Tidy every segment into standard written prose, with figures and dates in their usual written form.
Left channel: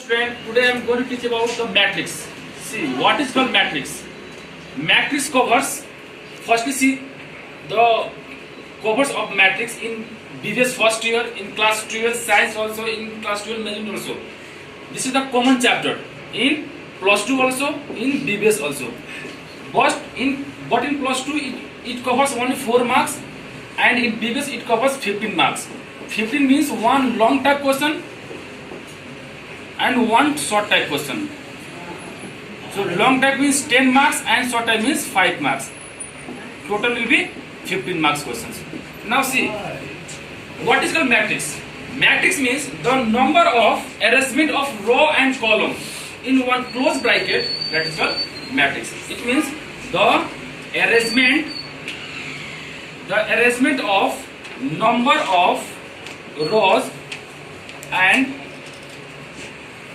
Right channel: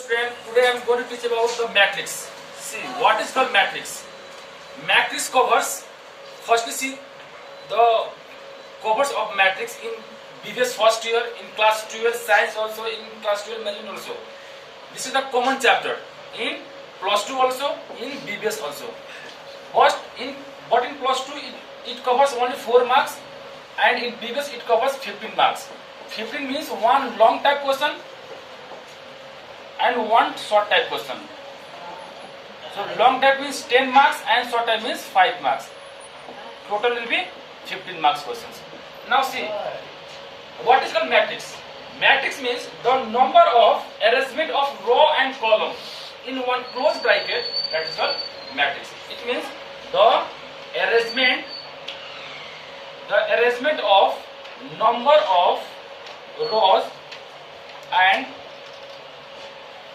Student, today I am going to teach about the matrix. See, what is called matrix? Matrix covers, firstly see the covers of matrix in BBS first year, in class 12 science also, in class 12 medicine also. This is the common chapter in plus 2 also, in BBS also. But in plus 2 it covers only 4 marks, and in BBS it covers 15 marks. 15 means one long type question and one short type question. So long type means 10 marks and short type means 5 marks. Total will be 15 marks questions. Now see, what is called matrix? Matrix means the number of arrangement of row and column in one closed bracket, that is called matrix. It means the arrangement of number of rows and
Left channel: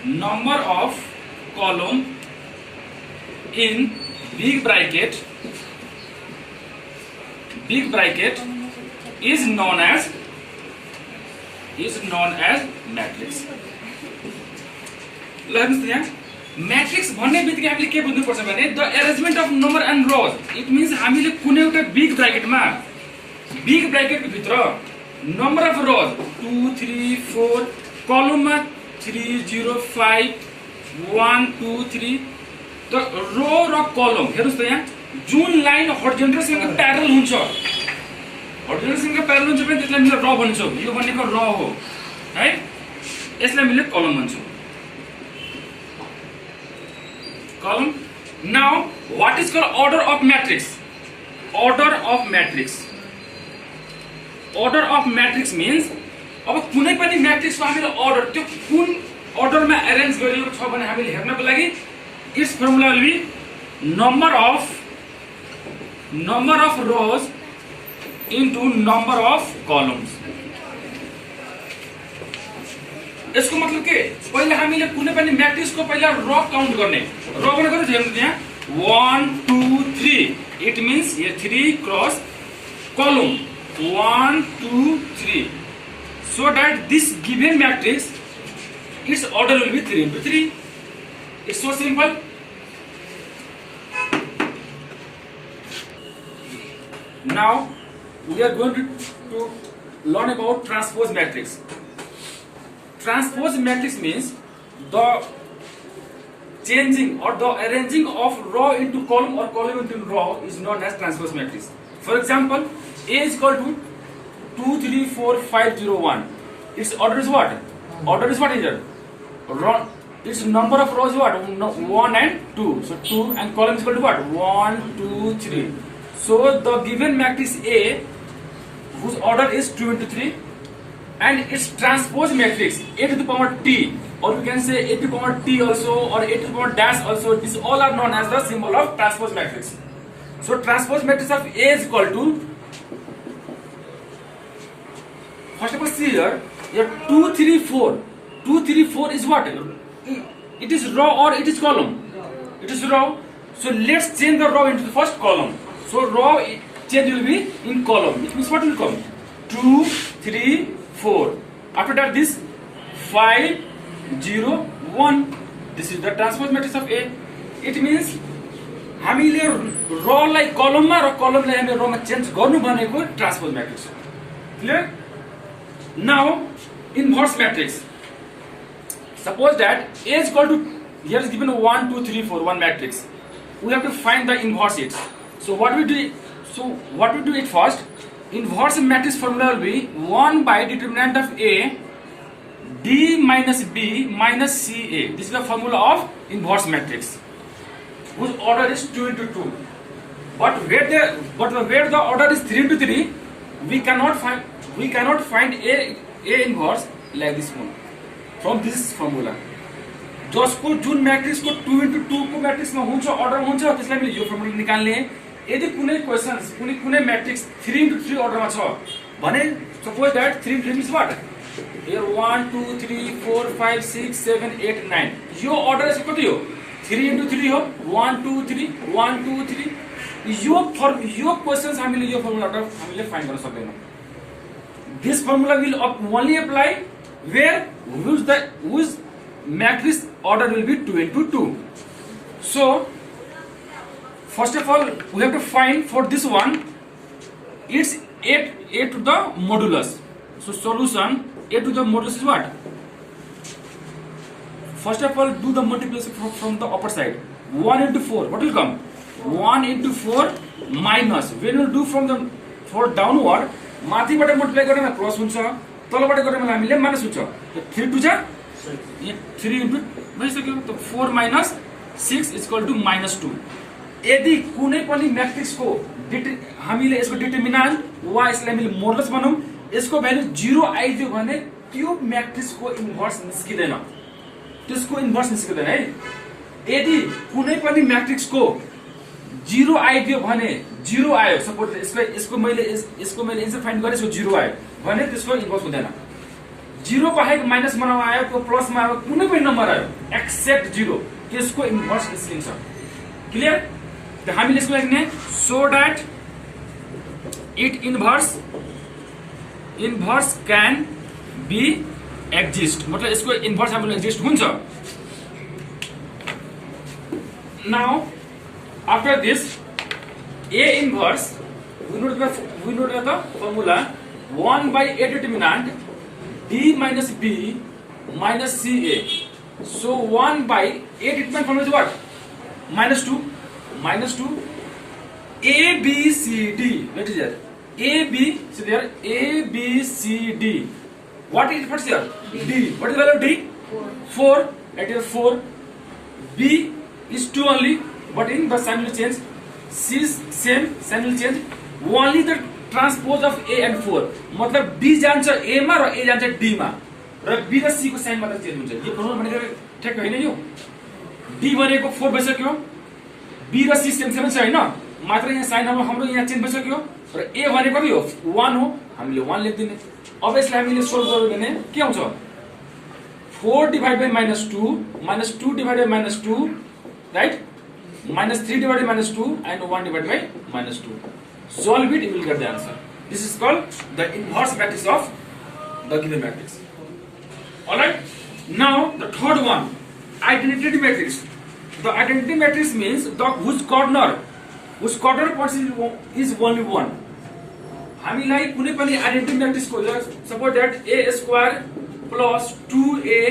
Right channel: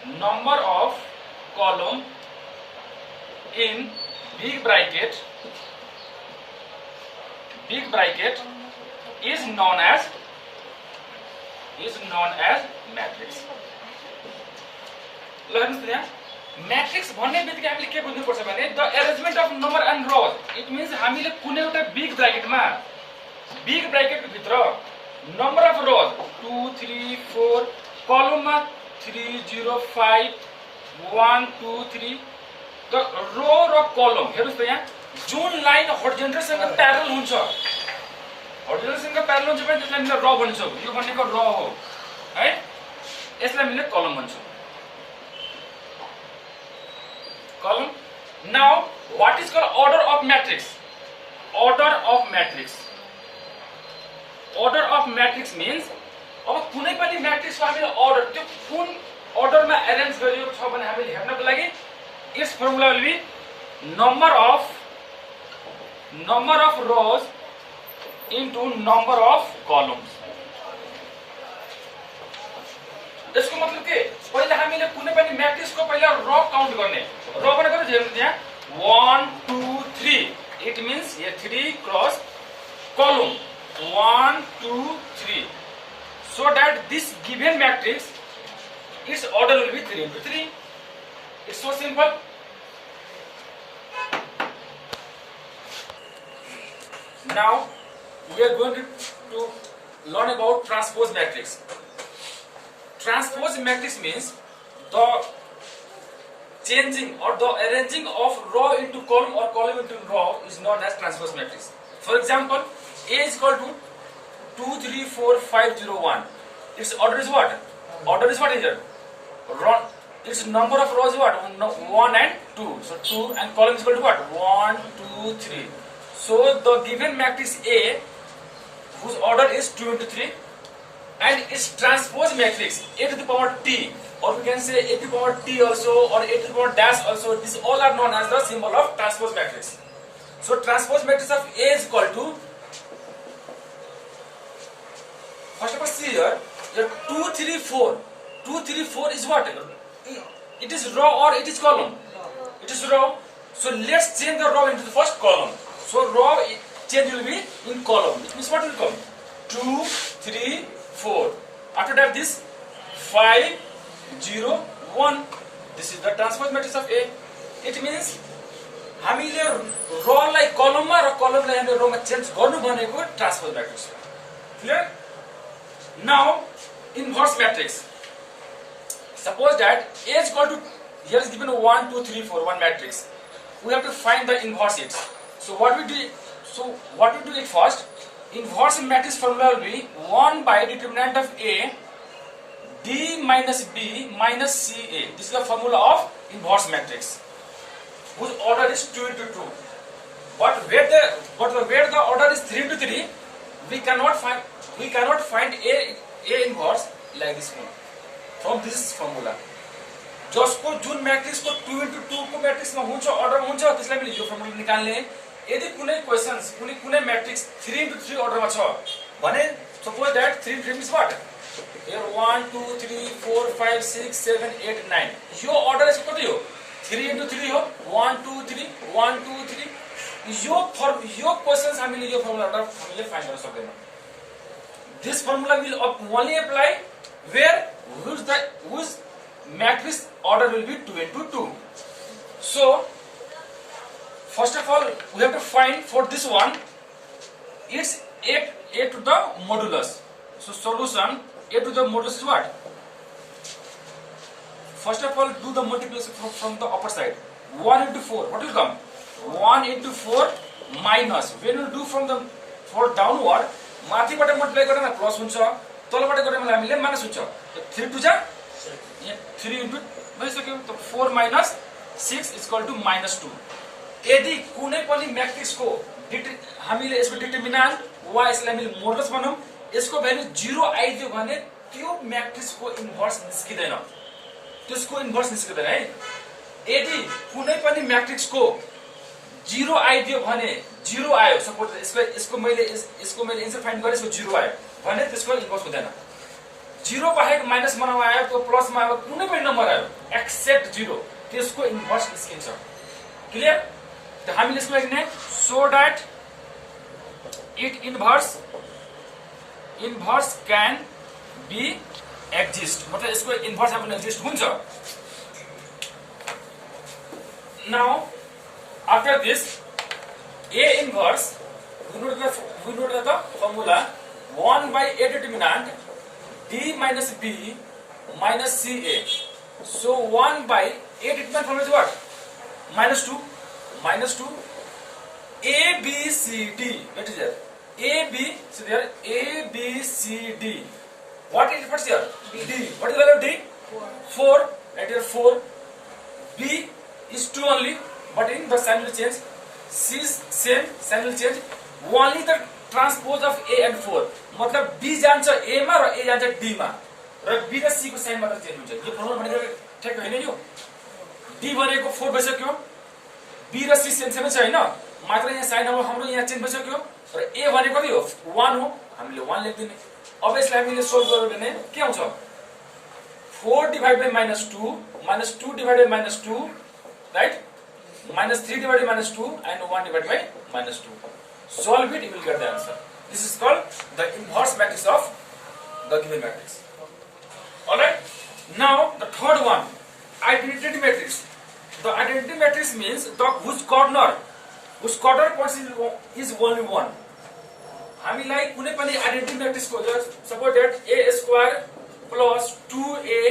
number of column in big bracket is known as matrix. Matrix भन्ने बित्तिकै हामीले के बुझ्नु पर्छ भने the arrangement of number and rows. It means हामीले कुनै एउटा बिग ब्राकेट भित्र नम्बर अफ रोज 2 3 4 कलममा 3 0 5 1 2 3 त रो र कलम हेर्नुस् त यहाँ जुन लाइन हर्जोन्टलसँग प्यारलल हुन्छ भने त्यसलाई हामीले र भन्छौँ. यो भनेको र हो है, यसलाई हामीले कलम भन्छौँ. Column. Now, what is called order of matrix? Order of matrix means अब कुनै पनि मैट्रिक्स को हामीले order त्यो कुन order मा arrange गरिएको छ भने हामीले हेर्नको लागि its formula will be number of rows into number of columns. यसको मतलब के, पहिला हामीले कुनै पनि मैट्रिक्स को पहिला रो काउन्ट गर्ने. रो भनेको चाहिँ हेर्नु त्यहाँ 1 2 3. It means here 3 cross column 1 2 3, so that this given matrix its order will be 3 into 3. It's so simple. Now we are going to learn about transpose matrix. Transpose matrix means the changing or the arranging of row into column or column into row is known as transpose matrix. For example, A is equal to 2 3 4 5 0 1. Its order is what? Order is what is it? Its number of rows is what? 1 and 2. So 2 and column is equal to what? 1 2 3. So the given matrix A, whose order is 2 into 3, and its transpose matrix A to the power T, or we can say A to the power T also, or A to the power dash also. These all are known as the symbol of transpose matrix. So transpose matrix of A is equal to, first of all see here 2 3 4. 2 3 4 is what? It is row or it is column? It is row. So let's change the row into the first column. So row change will be in column. It means what will come? 2 3 4. After that this 5 0 1. This is the transpose matrix of A. It means हामीले रो लाई कलम मा र कलम लाई हामीले रो मा change गर्नु भनेको transpose matrix. Clear? Now inverse matrix. Suppose that A is equal to, here is given 1 2 3 4 one matrix. We have to find the inverse it. So what we do it first. Inverse matrix formula will be 1 by determinant of A D minus B minus CA. This is the formula of inverse matrix, whose order is 2 into 2. But where the order is 3 into 3, we cannot find A inverse like this one from this formula. जसको जुन matrix को 2 into 2 को matrix में हुन्छ order में हुन्छ त्यसलाई हामीले यो formula निकाल्ने. यदि कुनै क्वेशन्स कुनै मैट्रिक्स 3 into 3 order मा छ भने suppose that 3 into 3 means what? Here 1 2 3 4 5 6 7 8 9. Yo order चाहिँ कति हो? 3 into 3 हो. 1 2 3 1 2 3. यो क्वेशन्स हामीले यो फर्मुलाबाट हामीले फाइन्ड गर्न सक्दैनौँ. This formula will only apply where whose matrix order will be 2 into 2. So first of all we have to find for this one it's a to the modulus. So solution a to the modulus is what? First of all do the multiplication from the upper side. 1 into 4 what will come? 1 into 4 minus when you do from the for downward माथिबाट multiply गरेमा plus हुन्छ तलबाट गरेमा हामीले minus हुन्छ. 3 to जा 3 into भइसक्यो. त 4 माइनस 6 इज इक्वल टु -2. यदि कुनै पनि म्याट्रिक्सको हामीले यसको डिटरमिनेन्ट वा यसलाई हामीले मोडुलस भनौं यसको भ्यालु 0 आइदियो भने त्यो म्याट्रिक्सको इन्भर्स निस्किदैन. त्यसको इन्भर्स निस्किदैन है. यदि कुनै पनि म्याट्रिक्सको 0 आइदियो भने 0 आयो सपोज यसको मैले एन्सर फाइन्ड गरे यसको 0 आयो भने त्यसको इन्भर्स हुँदैन. 0 बाहेक माइनस मा आयो त्यो प्लस मा आयो कुनै पनि नम्बर आयो एक्सेप्ट 0 त्यसको इन्भर्स निस्किन्छ. क्लियर? त हामीले यसको लागि ने so that it inverse can be exist मतलब यसको इन्भर्स हामीले एक्जिस्ट हुन्छ. Now after this A inverse we know the formula 1 by A determinant D minus B minus CA. So 1 by A determinant formula is what? minus 2 A B C D. Let is there A B so there A B C D. What is first here? D. What is the value of D? 4. Right here 4. B is 2 only. But in the sign will change. C is same, sign will change. Only the transpose of A and 4. मतलब B जान्छ A मा र A जान्छ D मा र B र C को sign मात्र change हुन्छ. यो formula भनेको ठ्याक्क हैन यो. D भनेको 4 भइसक्यो. B र C सेम छ हैन. मात्र यहाँ साइन हाम्रो यहाँ चेन्ज भइसक्यो र A भनेको के हो? 1 हो. हामीले 1 लेख्दिने. अब यसलाई हामीले सोल्भ गर्यो भने के आउँछ? 4 divided by -2 -2 divided by -2 right? -3 divided by -2 and 1 divided by -2. Solve it, you will get the answer. This is called the inverse matrix of the given matrix. Alright. Now the third one, identity matrix. The identity matrix means the whose corner points is only 1. हामीलाई कुनै पनि identity matrix को suppose that a square plus 2a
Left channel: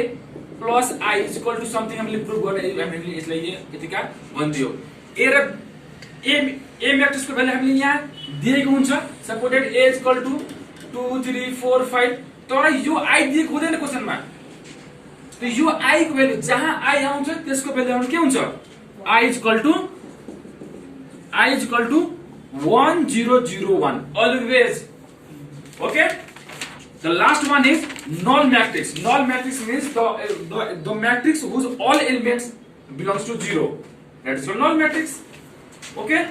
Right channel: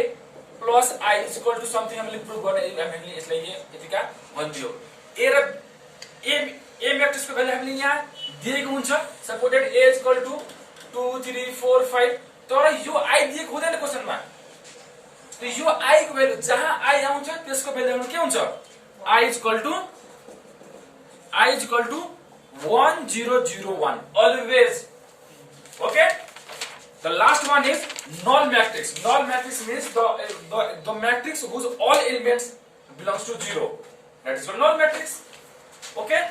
plus I is equal to something हामीले प्रुभ गर्ने हामीले यसलाई यतिका भन्दियो. A raw A matrix को भ्यालु हामीले यहाँ दिएको हुन्छ suppose that a is equal to 2 3 4 5 तर यो I दिएको हुँदैन क्वेशनमा. त यो I को भ्यालु जहाँ I आउँछ त्यसको भ्यालु के हुन्छ? I is equal to 1001 always. Okay. The last one is null matrix. Null matrix means the matrix whose all elements belongs to 0. That is a null matrix. Okay.